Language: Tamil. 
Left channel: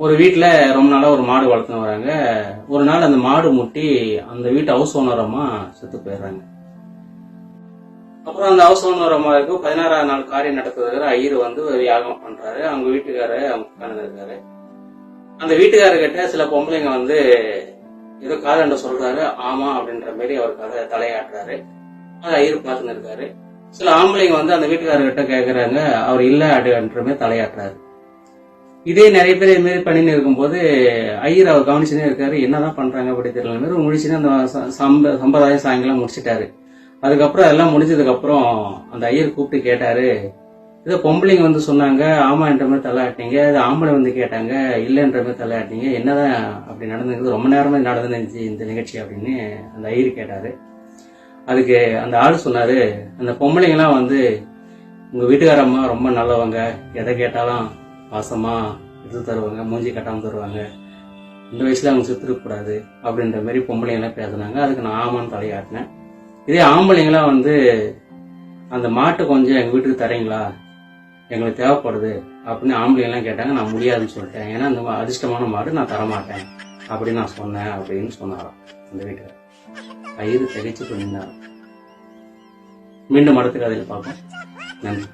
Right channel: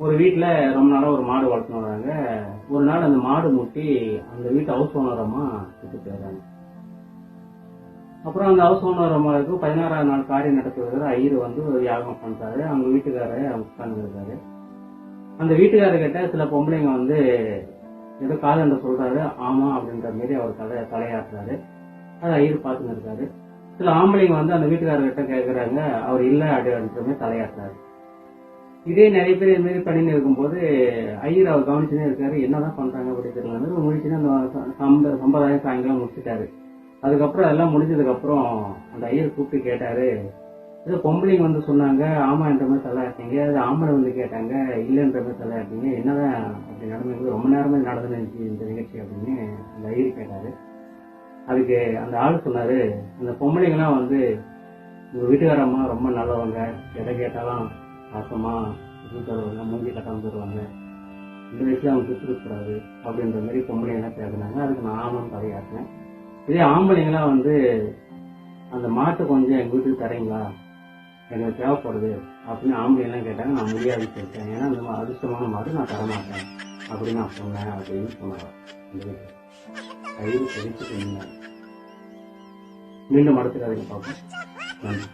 ஒரு வீட்டில் ரொம்ப நாளாக ஒரு மாடு வளர்த்துன்னு வராங்க. ஒரு நாள் அந்த மாடு முட்டி அந்த வீட்டு ஹவுஸ் ஓனரம்மா செத்து போயிடுறாங்க. அப்புறம் அந்த ஹவுஸ் ஓனர் அம்மாவுக்கு 16ஆவது நாள் காரியம் நடத்துறதுக்கு ஐயர் வந்து ஒரு யாகம் பண்றாரு. அவங்க வீட்டுக்காரர் அவங்க உட்காந்துருக்காரு. அந்த வீட்டுக்காரர்கிட்ட சில பொம்பளைங்க வந்து ஏதோ காதண்ட சொல்றாரு. ஆமா அப்படின்ற மாதிரி அவருக்காக தலையாட்டுறாரு. அதை ஐயர் பார்த்துன்னு இருக்காரு. சில ஆம்பளைங்க வந்து அந்த வீட்டுக்காரர்கிட்ட கேட்கறாங்க. அவர் இல்ல அப்படின்ற மாதிரி தலையாட்டுறாரு. இதே நிறைய பேர் இது மாதிரி பண்ணின்னு இருக்கும்போது ஐயர் அவர் கவனிச்சுனே இருக்காரு. என்னதான் பண்றாங்க அப்படி தெரியல மாதிரி முடிச்சுன்னு அந்த சம்பிரதாயம் சாயங்காலம் முடிச்சிட்டாரு. அதுக்கப்புறம் அதெல்லாம் முடிஞ்சதுக்கு அப்புறம் அந்த ஐயர் கூப்பிட்டு கேட்டாரு. ஏதோ பொம்பளைங்க வந்து சொன்னாங்க ஆமான்ற மாதிரி தலையாட்டிங்க, இது ஆம்பளை வந்து கேட்டாங்க இல்லைன்ற மாதிரி தலையாட்டிங்க, என்னதான் அப்படி நடந்துருக்குது, ரொம்ப நேரமா நடந்துருந்துச்சு இந்த நிகழ்ச்சி அப்படின்னு அந்த ஐயர் கேட்டாரு. அதுக்கு அந்த ஆள் சொன்னாரு, அந்த பொம்பளைங்கெல்லாம் வந்து உங்க வீட்டுக்காரம்மா ரொம்ப நல்லவங்க, எதை கேட்டாலும் பாசமா எடுத்து தருவாங்க, மூஞ்சி கட்டாம தருவாங்க, இந்த வயசுல அவங்க செத்துருக்க அப்படின்ற மாதிரி பொம்பளைங்கெல்லாம் பேசுனாங்க. அதுக்கு நான் ஆமான்னு தலையாட்டினேன். இதே ஆம்பளைங்களாம் வந்து அந்த மாட்டை கொஞ்சம் எங்க வீட்டுக்கு தரீங்களா, எங்களுக்கு தேவைப்படுது அப்படின்னு ஆம்பளைங்கெல்லாம் கேட்டாங்க. நான் முடியாதுன்னு சொல்லிட்டேன். ஏன்னா அந்த அதிர்ஷ்டமான மாடு நான் தரமாட்டேன் அப்படின்னு நான் சொன்னேன் அப்படின்னு சொன்னாராம் அந்த வீட்டுக்கு. ஐயரு தெரிச்சு சொன்னார். மீண்டும் அடுத்த கதையில் பார்ப்போம். நன்றி.